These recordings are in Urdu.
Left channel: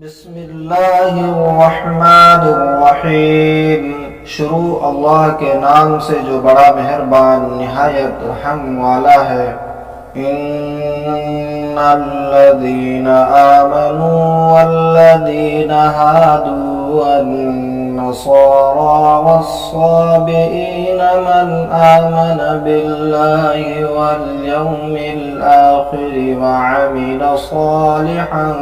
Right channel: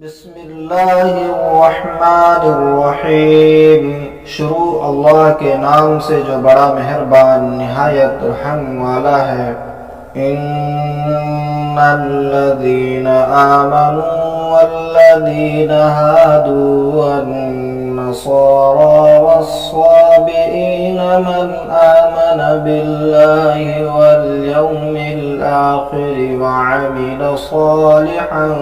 بسم اللہ الرحمن الرحیم۔ شروع اللہ کے نام سے جو بڑا مہربان نہایت رحم والا ہے۔ ان الذین آمنوا والذین هادوا والنصارى والصابئین من آمن باللہ والیوم الآخر وعمل صالحا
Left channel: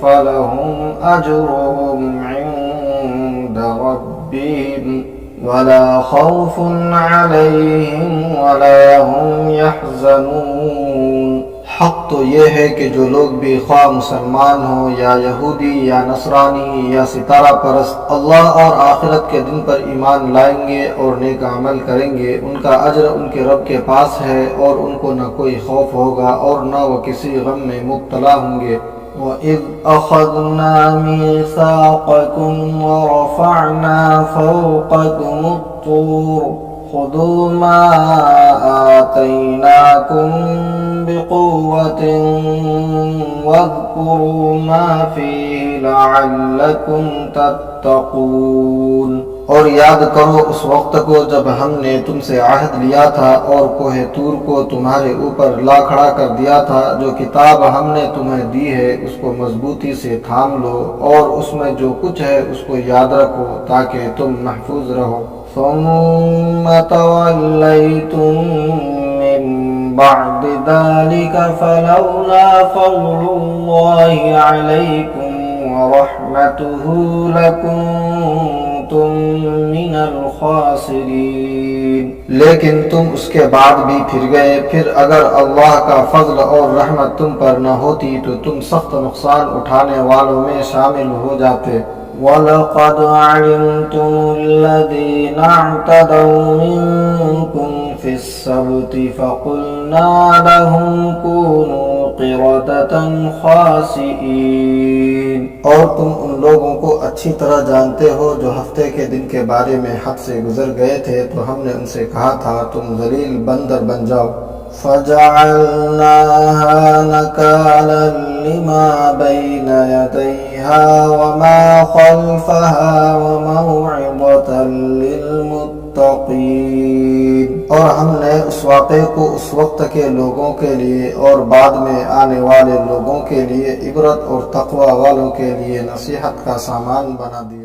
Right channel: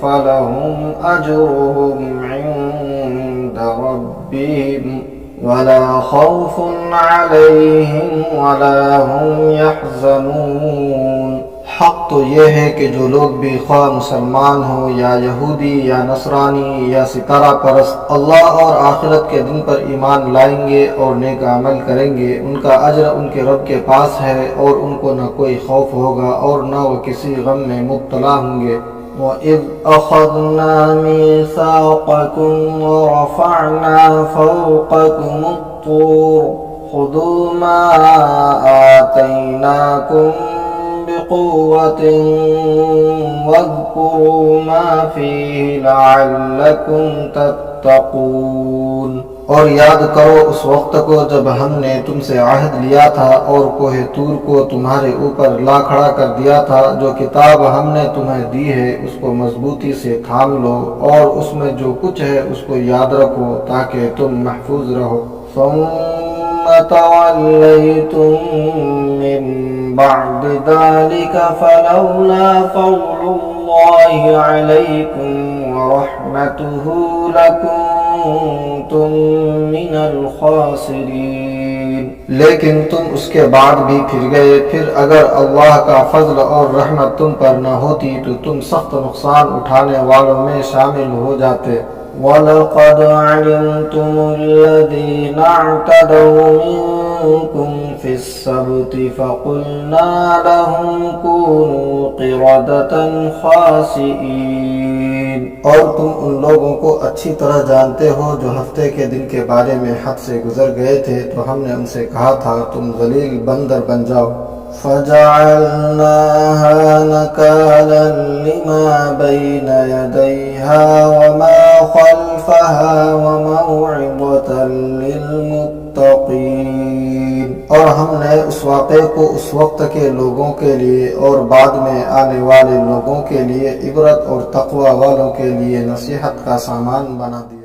فلهم أجرهم عند ربهم ولا خوف عليهم ولا هم يحزنون۔ حق تو یہ ہے کہ جو لوگ بھی خواہ مسلمان ہوں یا یہودی یا نصرانی یا ستارہ پرست اللہ اور آخرت کے دن پر ایمان لائیں گے اور نیک عمل کریں گے، ان کا اجر ان کے رب کے پاس ہے اور ان کو نہ کوئی خوف ہوگا اور نہ وہ کسی غم میں مبتلا ہوں گے۔ وَإِذْ أَخَذْنَا مِيثَاقَكُمْ وَرَفَعْنَا فَوْقَكُمُ الطُّورَ خُذُوا مَا آتَيْنَاكُمْ بِقُوَّةٍ وَاذْكُرُوا مَا فِيهِ لَعَلَّكُمْ تَتَّقُونَ۔ اور یاد کرو اس وقت کو جب ہم نے تم سے عہد لیا تھا اور کوہ طور کو تمہارے اوپر لا کھڑا کر دیا تھا۔ جو کتاب ہم نے تمہیں دی ہے اس کو مضبوطی سے تھام لو اور اس میں جو کچھ ہے اس کو یاد رکھو تاکہ تم محفوظ رہو۔ ثم توليتم من بعد ذلك فلولا فضل الله عليكم ورحمته لكنتم من الخاسرين۔ لیکن تم اس کے بعد بھی پھر گئے، پھر اگر اللہ کا فضل اور رحمت تم پر نہ ہوتی تو تم سخت نقصان اٹھانے والوں میں شامل ہو جاتے۔ وَلَقَدْ عَلِمْتُمُ الَّذِينَ اعْتَدَوْا مِنكُمْ فِي السَّبْتِ فَقُلْنَا لَهُمْ كُونُوا قِرَدَةً خَاسِئِينَ۔ اور تم ان لوگوں کو اچھی طرح جانتے ہو جو ہفتے کے دن کے بارے میں حد سے گزر گئے تھے، تو ہم نے ان سے کہا تھا تم ذلیل بندر بن جاؤ۔ فَجَعَلْنَاهَا نَكَالًا لِمَا بَيْنَ يَدَيْهَا وَمَا خَلْفَهَا وَمَوْعِظَةً لِلْمُتَّقِينَ۔ اور ہم نے اس واقعے کو اس وقت کے لوگوں کے لیے اور بعد میں آنے والے لوگوں کے لیے عبرت اور تقوی والوں کے لیے نصیحت کا سامان بنا دیا۔